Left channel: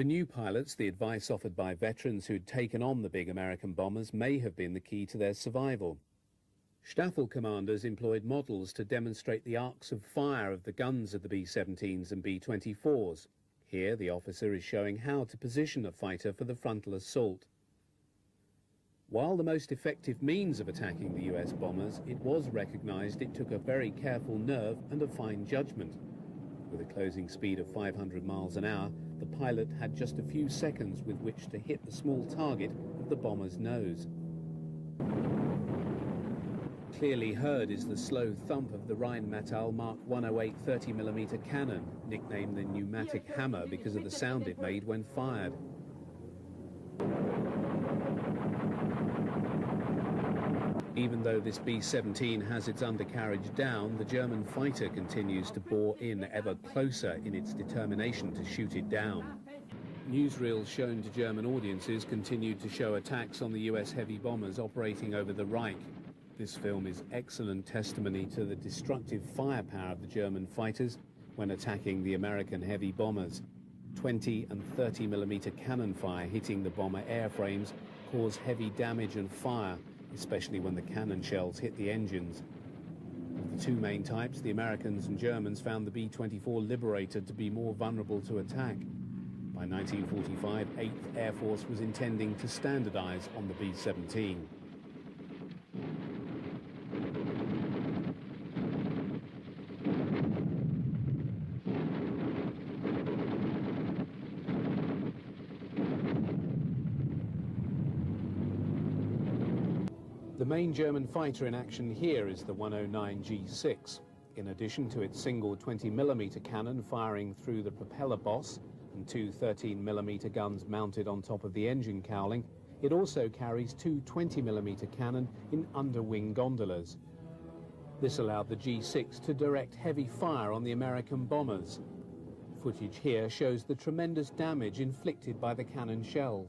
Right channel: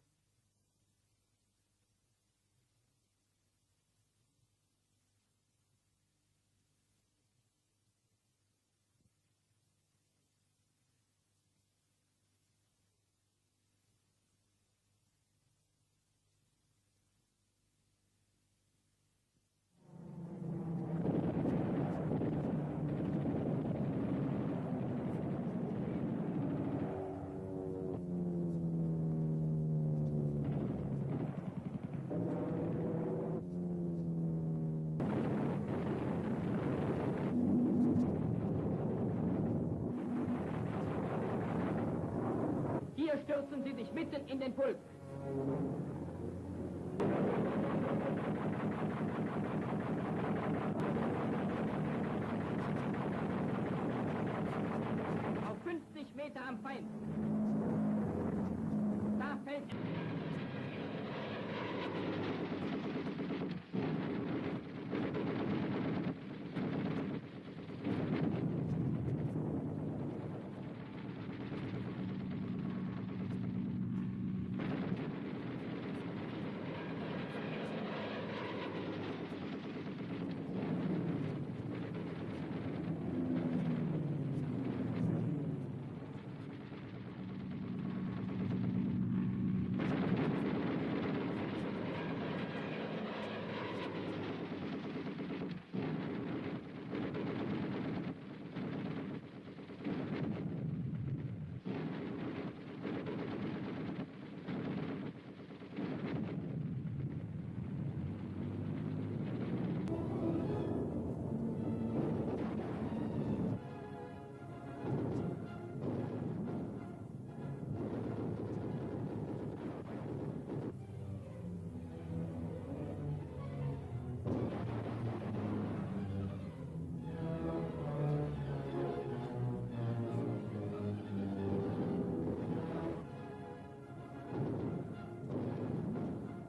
For new pilots, the advice offered by veterans who'd taken on the big American bombers may have been the key to their survival. Staffel commanders employed models to demonstrate the arcs of fire of the guns of the B-17s and B-24s. Here, the officer is showing how to position a fighter for the frontal assault. While the most effective means of attacking the US bombers, it was recognized it took a very careful nerve and a fine judgment. With a closing speed of 500 miles an hour, the pilot had just a few seconds with which to hit the small target of the bomber's nose. Clearly heard is the slow thump of the Rheinmetall Mark 108 30mm cannon, nicknamed the pneumatic hammer because of the sound it made when fired. Even though this B-17 has its undercarriage down, the German fighter continues to bore in ever closer in its determination to shoot it down. Newsreels shown to German audiences continued to show attacks on the US heavy bombers operating over the Reich. This film is excellent testimony to the destructive firepower of the German fighters when attacking the American heavy bombers. 20 and 30mm cannon fire hitting the bomber airframes caused heavy damage and fire, especially when the cannon shells hit the engines. Of the two main types, the Americans and Germans found the B-24 Liberator to be more vulnerable to attack. By 1945, 8th Air Force was intending to standardize on the B-17. The main German fighter in action here is the 109 G6. In addition to its single 20mm cannon firing through the propeller boss and two 13mm guns mounted on top of the engine cowling, it also carries two 20mm cannon in underwing gondolas. This allowed the G6 to direct heavy fire on the American bombers. Footage here shows the tremendous damage inflicted by the cannon shells.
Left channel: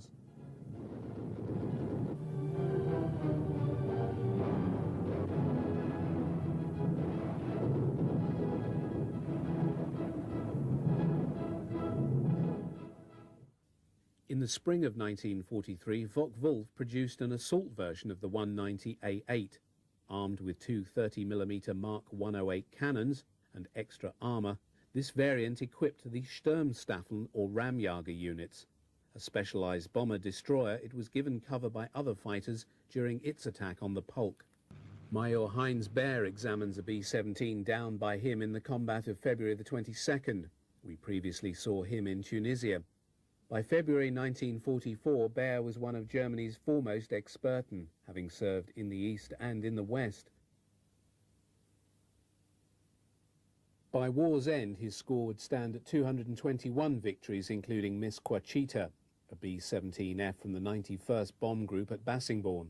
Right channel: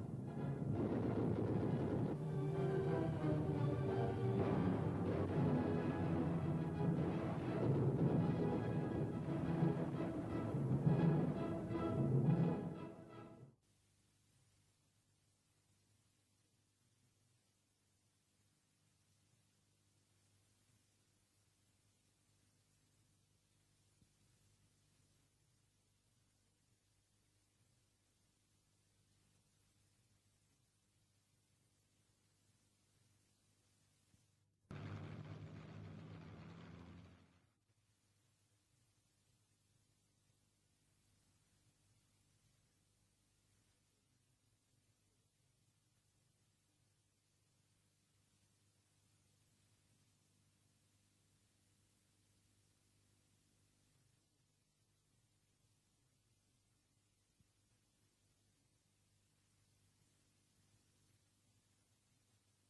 In the spring of 1943, Focke-Wulf produced an assault version of the 190A8. Armed with two 30mm Mark 108 cannons and extra armour, this variant equipped the Sturmstaffeln or Ramjager units. A specialised bomber-destroyer, it was given cover by other fighters during its attack on the Polk. Major Heinz Baer examines a B-17 downed by him in the combat of February the 22nd. We previously saw him in Tunisia. By February 1944, Baer was one of Germany's foremost Experten, having served in the East and in the West. By war's end, his score would stand at 221 victories, including Miss Quachita, a B-17F from the 91st Bomb Group at Bassingbourn.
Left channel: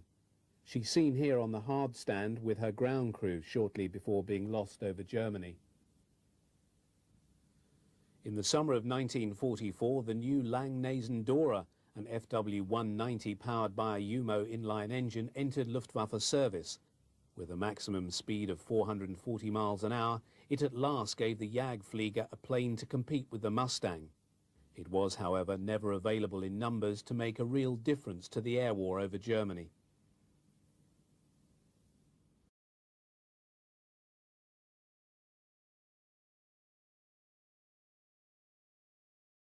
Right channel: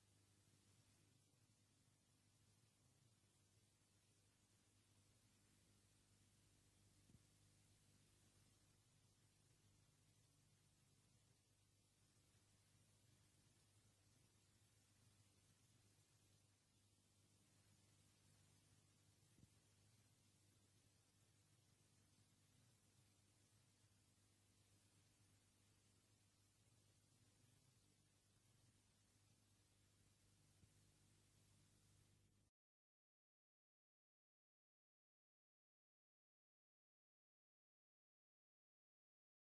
She's seen here on the hard stand with her ground crew shortly before being lost over Germany. In the summer of 1944, the new Langnese Dora, an FW-190 powered by a Umo inline engine, entered Luftwaffe service. With a maximum speed of 440 miles an hour, it at last gave the Jagdflieger a plane to compete with the Mustang. It was, however, never available in numbers to make a real difference to the air war over Germany.